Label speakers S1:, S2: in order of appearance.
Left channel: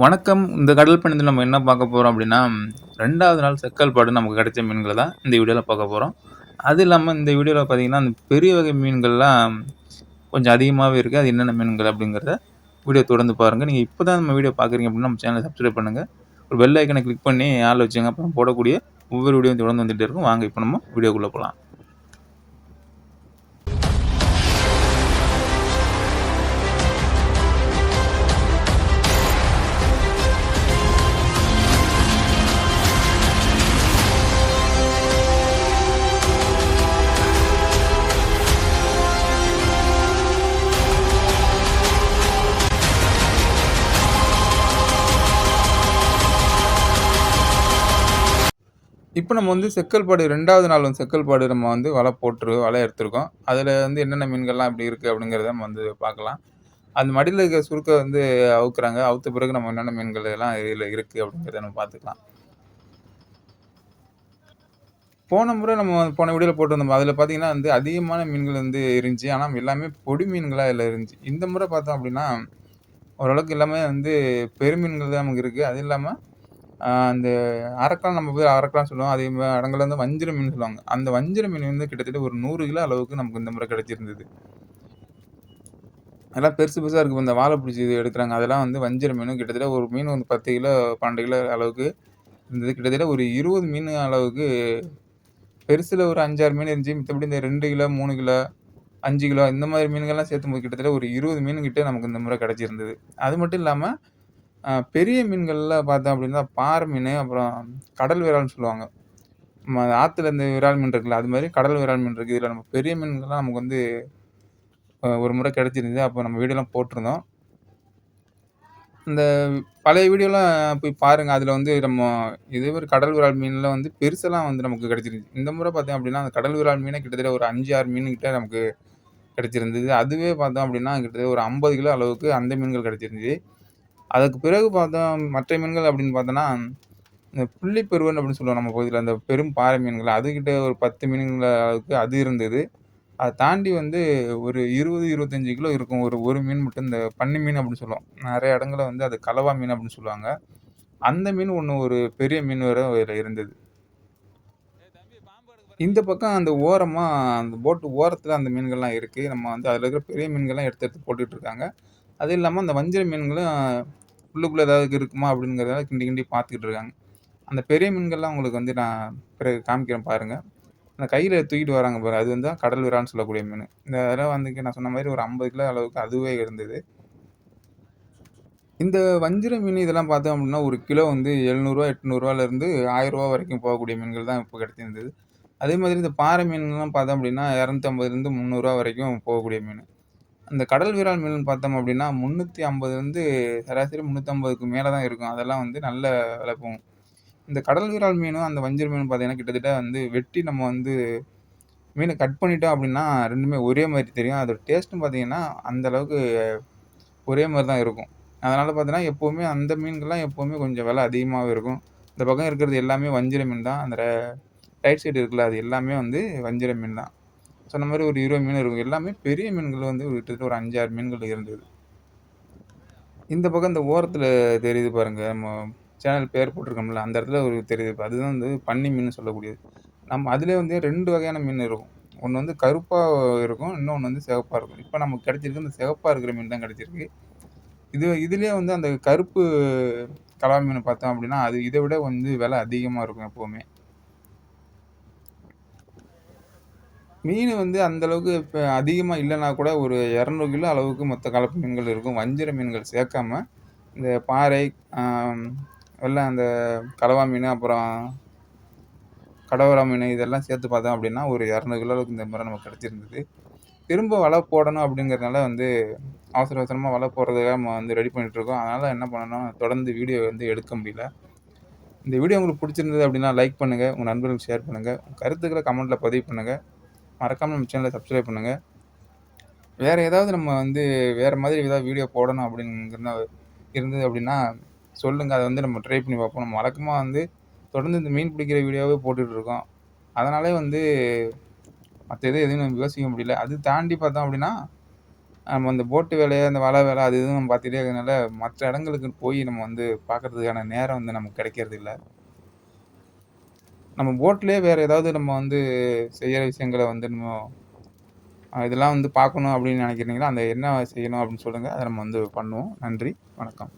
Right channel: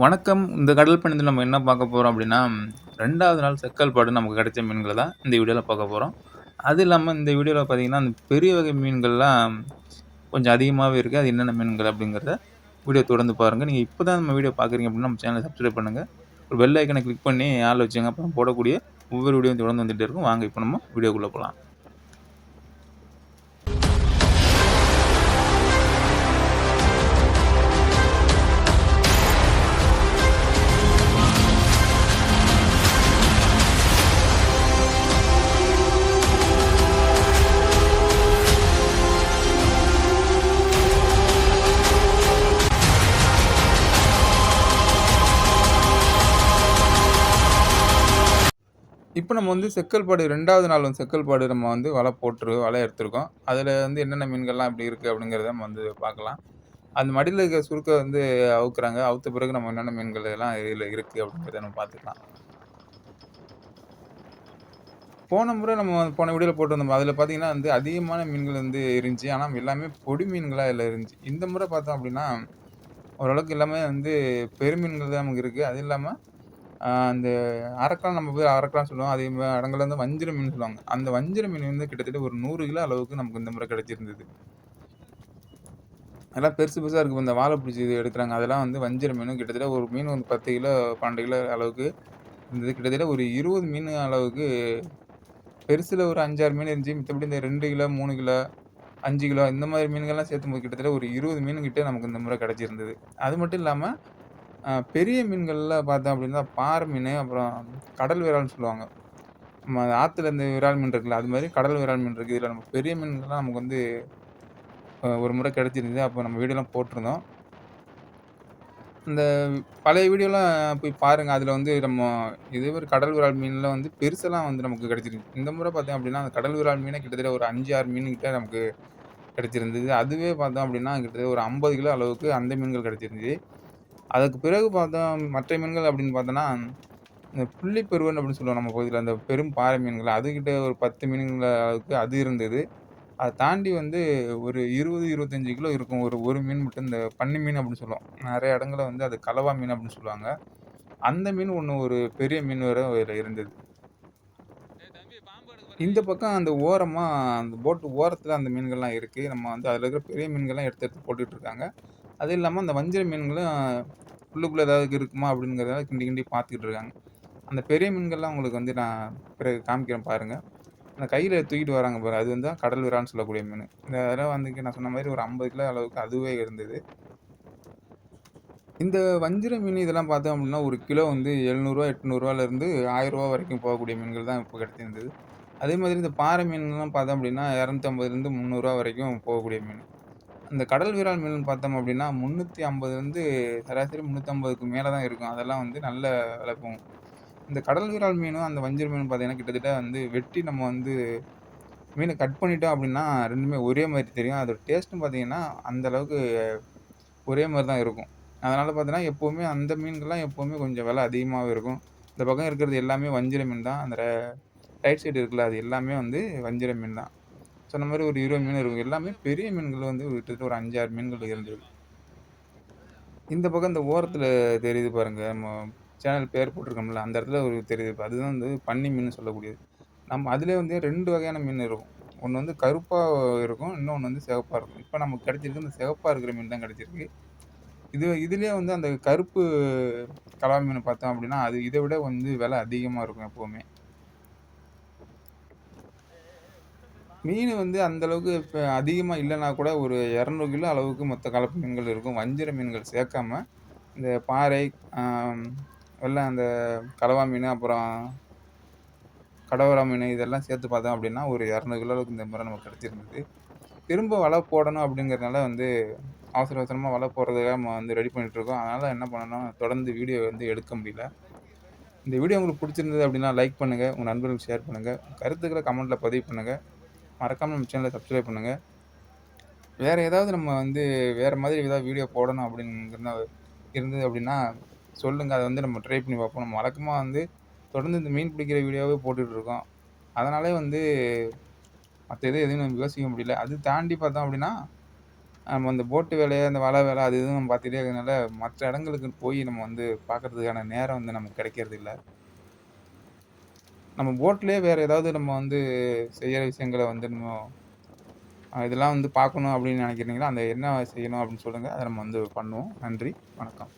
S1: வணக்கம். இந்த கடல் பயணத்தில் நம்ம என்ன பார்க்க போகிறோம் அப்படின்னா ரெண்டாவது நாள் செக்கல் பாடு நமக்கு கிடைச்ச மீன்களை தான் இந்த வீடியோவில் பார்க்க போகிறோம் அது இல்லாமல் இந்த வீடியோவில் பார்த்தீங்கன்னா, அந்த பெரிய வகை மீன்கள்லாம் கொஞ்சம் அதிகமாகவே இருக்குது அது என்னென்ன மீன்கள் அப்படிங்கிறத வீடியோ தொடர்ந்து பாருங்கள் நீங்கள் இப்போ தான் நம்ம வீடியோ பார்க்குறீங்க அப்படின்னா நம்ம சேனலை சப்ஸ்கிரைப் பண்ணுங்கள் ஒரு பெல் ஐக்கனை கிளிக் பண்ணி ஆள் வச்சுங்க. அப்புறம் போடக்கூடிய ஒவ்வொரு வீடியோவும் தொடர்ந்து வந்துகிட்டே இருக்கும். வாங்க இப்போ நம்ம வீடியோக்குள்ளே போகலாம். இப்போ நம்ம வந்து செக்கல்பாடு ரெண்டாவது நாள் வந்து செக்கல்பாடு நம்ம வந்து வலை போட்டு வலை எடுத்திருக்கோம். அதுல வந்து என்னென்ன மீன்கள்லாம் இப்படி இருக்கு அப்படிங்கிறத நம்ம வந்து பார்க்கலாம். அந்த மடியில் இருக்கிற சுருக்க வந்து அவுக்குறாங்க. அவுத்த பிறகு நம்ம என்னென்ன மீன்கள் எல்லாம் இதுல இருக்கு அப்படிங்கிறத நம்ம பார்த்துக்கலாம். போன முறை நம்ம போன வீடியோல போட்டிருந்தோம். அதுல பார்த்தீங்கன்னா வந்து அதிகமான மீன்கள் வந்து இருந்துச்சு. ஆனா எல்லாமே பொடி மீன்களா இதில் இருந்துச்சு. இந்த முறை பார்த்தோம் அப்படின்னா ஓரளவுக்கு எல்லாமே வந்து பெருமீன்கள் தான் நமக்கு இருக்கு. அது இல்லாம அந்த அரக்கான் நம்ம போய் அரக்கான்னு சொல்லுவோம். அதே மாதிரி அடங்கல வந்து வஞ்சிர மீன் சொல்லுவாங்க. அந்த வஞ்சிர மீன் வந்து கிட்டத்தட்ட ஒரு நூறு கிலோ அளவுக்கு நமக்கு இந்த முறை கிடைச்சிருந்தது. அதெல்லாம் பெருசு பெருசாக இருக்குது இந்த வாழை பிடிச்சி இது எடுக்கிறாங்க அதெல்லாம் வந்து வஞ்சிர மீன். கிட்டத்தட்ட ஒரு மீன் வந்து 10 கிலோ, 12 கிலோ அளவுக்கு இருந்தது. கிட்டத்தட்ட ஒரு 20 மீன் அளவுக்கு பெருசில் ஒரு 5, 6 மீன் இருந்துச்சு. மித்தபடி இந்த ரெண்டு கிலோ, மூணு கிலோ, அஞ்சு கிலோ இந்த மாதிரி மீன்கள்லாம் சேர்த்தும்போது கிட்டத்தட்ட ஒரு 20 மீன் கிட்டே நமக்கு இந்த முறை கிடைச்சிருந்தது. அது மட்டும் இல்லாமல் பெரிய மீன்கள்ல பார்த்தோம் அப்படின்னா பாறை மீன் அப்புறம் கடல் விரால்னு சொல்லுவாங்க. நம்ம ஆற்றுல இந்த விரால் மீன் இருக்குல்ல, அது மாதிரி கடல் விரால் மீன் இருக்குது இதில் நம்ம பெரிய மீன்கள்லாம் நமக்கு வந்து ஒரு முறை கிடச்சிருந்தது அப்போ நம்ம வீடியோலாம் போட்டிருந்தோம். இந்த பழைய வீடியோலாம் போய் பாருங்கள் அதில் வந்து நம்ம இதே ஒரு கடல் விரால் மீன்லாம் வந்து பெருசெல்லாம் வந்து நமக்கு கிடைச்சிருந்துச்சு. இந்த முறை பார்த்தோம் அப்படின்னா அந்த கடல் விரால் மீனே கிட்டத்தட்ட ஒரு 5, 6 மீன் கிட்டே நமக்கு கிடச்சிருந்தது அதுவே பார்த்தோம் அப்படின்னா கிட்டத்தட்ட ஒரு 50 கிலோ அளவுக்கு அந்த மீன்கள் கிடைச்சிருந்துச்சு. அதுக்கு பிறகு பார்த்தோம் மற்ற மீன்கள் அப்படின்னு பார்த்தோன்னா, இந்த புள்ளி பெருவன் சொல்லுவோம் நம்ம பகுதியில் அந்த பெரும் பாறை மீன்கள். அதுகிட்ட ஒரு 10 மீன்கள் அளவுக்கு அது இருந்தது. அதை தாண்டி வந்து ஒரு 20, 25 கிலோ இருக்கும். ஒரு ஒரு மீன் மட்டும் இந்த பன்னி மீன் அப்படின்னு சொல்லுவோம். நிறைய இடங்களில் வந்து அது கலவா மீன் அப்படின்னு சொல்லுவாங்க. அந்த மீன் ஒன்று ஒரு பெரிய மீன் வேற அதுல இருந்தது. இந்த பக்கம் அந்த ஓரமாக அந்த போட்டு ஓரத்தில் அந்த மீன்கள்லாம் இருக்குது நம்ம வந்து அதில் இருக்கிற பெரிய மீன்கள்லாம் எடுத்து எடுத்து போட்டுட்ருக்காங்க அது இல்லாமல் அந்த வஞ்சிர மீன்களும் உள்ளுக்குள்ளே ஏதாவது இருக்குமா அப்படிங்கிறதால கிண்டி கிண்டி பார்த்துக்கிட்டு இருக்காங்க. அந்த பெரிய மீன்கள்லாம் உங்களுக்கு வந்து நான் பிறகு காமிக்கிறேன் பாருங்கள் அந்த கையில் தூக்கிட்டு வராங்க பாரு, அது வந்து கடல் விரான்னு சொல்லக்கூடிய மீன் இந்த அதெல்லாம் வந்து நான் சொன்ன மாதிரி ஒரு 50 கிலோ அளவுக்கு அதுவே இருந்தது. இந்த வஞ்சிர மீன் இதெல்லாம் பார்த்தோம் அப்படின்னா ஒரு கிலோ வந்து எழுநூறுவா எட்நூறுவாலேருந்து ஆயிரரூவா வரைக்கும் போகக்கூடிய மீன்கள் தான் இப்போ கிடைச்சிருந்தது. அதே மாதிரி இந்த பாறை மீன்லாம் பார்த்தோம் அப்படின்னா இரநூத்தம்பதுலேருந்து முந்நூறுரூவா வரைக்கும் போகக்கூடிய மீன். இந்த கடல் விரால் மீன் பார்த்தோம் அப்படின்னா முந்நூற்றி ஐம்பது வந்து சராசரி முந்நூற்றம்பதுக்கு மேலே தான் இருக்கும். அதெல்லாம் வந்து நல்ல விலை போகும். இந்த கடல் விரால் மீனும், அந்த வஞ்சிர மீனும் பார்த்தீங்கன்னா, கிட்டத்தட்ட வந்து வெட்டி நம்ம வந்து மீனை கட் பண்ணிட்டோம் அப்படின்னா ரெண்டுமே ஒரே மாதிரி தெரியும். அதோட டேஸ்ட்டும் பார்த்தீங்கன்னா, அந்த அளவுக்கு ஒரே மாதிரி தான் இருக்கும். அதனால் பார்த்தீங்கன்னா, எப்போவுமே அந்த மீன்கள்லாம் எப்போவுமே கொஞ்சம் விலை அதிகமாகவே இருக்கும். இந்த பக்கம் இருக்கிறது எல்லாமே வஞ்சிர மீன் தான். அந்த ரைட் சைடு இருக்குல்ல, அது எல்லாமே வந்து வஞ்சிர மீன் தான். சொன்ன மாதிரி ஒரு 20 மீன் இருக்கும். எல்லாமே பெரிய மீன்கள் வந்து கிட்டத்தட்ட ஒரு 5, 6 மீன்கள் இருந்தது. இந்த பக்கம் இந்த ஓரத்தில் தெரியுது பாருங்க. நம்ம சேனல் பேர் போட்டிருக்கோம்ல, அந்த இடத்துல ஒரு தெரியுது. அதுதான் வந்து பன்னி மீன் சொல்லக்கூடியது. நம்ம அதிலே வந்து ரெண்டு வகையான மீன் இருக்கும். ஒன்று வந்து கருப்பாக இருக்கும். இன்னொன்று வந்து சிவப்பாக இருக்கும். இப்போ நமக்கு கிடச்சிருக்கு இந்த சிவப்பாக இருக்கிற மீன் தான் கிடச்சிருக்கு இது இதுலேயே வந்து அந்த கருப்பு கலா மீன் பார்த்தோம் அப்படின்னா அது இதை விட வந்து விலை அதிகமாக இருக்கும் எப்போவுமே மீன் வந்து அந்தளவுக்கு இப்போ அதிகமாக இல்லைன்னா கூட ஒரு 200 கிலோ அளவுக்கு மொத்த கலப்பு மீன்கள் இருக்கும். வஞ்சிர மீன்கள் சேர்க்காம, இந்த பாறை, அ எல்லாம் அந்த கலவா மீன் அப்புறம் கடவரா மீன் இதெல்லாம் சேர்த்து பார்த்தோம் அப்படின்னா ஒரு 200 கிலோ அளவுக்கு இந்த முறை நமக்கு கிடச்சிருந்தது. திரும்ப வலை போடணும் அப்படிங்கிறதுனால வந்து அவசர அவசரமாக வலை போடுறதுக்காக நம்ம வந்து ரெடி பண்ணிகிட்ருக்கோம் அதனால் என்ன பண்ணணும், தொடர்ந்து வீடியோ வந்து எடுக்க முடியல. இந்த வீடியோ உங்களுக்கு பிடிச்சிருந்தது அப்படின்னா லைக் பண்ணுங்கள் உங்கள் நண்பர்களுக்கு ஷேர் பண்ணுங்கள் கருத்துக்களை கமெண்ட்டில் பதிவு பண்ணுங்கள் மறக்காமல் நம்ம சேனலை சப்ஸ்கிரைப் பண்ணுங்கள் வேறு ஏதாவது நம்ம வந்து வேறு மாதிரி ஏதாவது வீடியோ போடணும் அப்டிங்கிறதா இருந்தது அப்படின்னா சொல்லுங்கள் அதை வந்து நம்ம ட்ரை பண்ணி பார்ப்போம். நம்ம வழக்கமாக வந்து தொடர்ந்து இந்த மீன் பிடிக்கிற வீடியோவே போட்டுட்ருக்கோம் இருக்கோம். வந்து மற்ற எதுவும் எதுவும் நம்ம யோசிக்க முடியல. அது தாண்டி பார்த்தோம் அப்படின்னா நம்ம அந்த போட்டு வேலையை அந்த வலை வேலை அது இதுவும் நம்ம பார்த்துட்டே இருக்கிறதுனால, மற்ற இடங்களுக்கு போய் நம்ம வந்து பார்க்கறதுக்கான நேரம் வந்து நமக்கு கிடைக்கிறது இல்லை நம்ம போட்லயே வேற ஏதாவது நம்ம வந்து செய்யற விஷயங்கள வந்து நம்ம இதெல்லாம் வந்து பார்க்கணும் அப்படின்னு நினைக்கிறீங்களா? அந்த என்ன செய்யணும் அப்படின்னு சொல்லுங்க. அதை நம்ம வந்து பண்ணுவோம். நன்றி, வணக்கம்.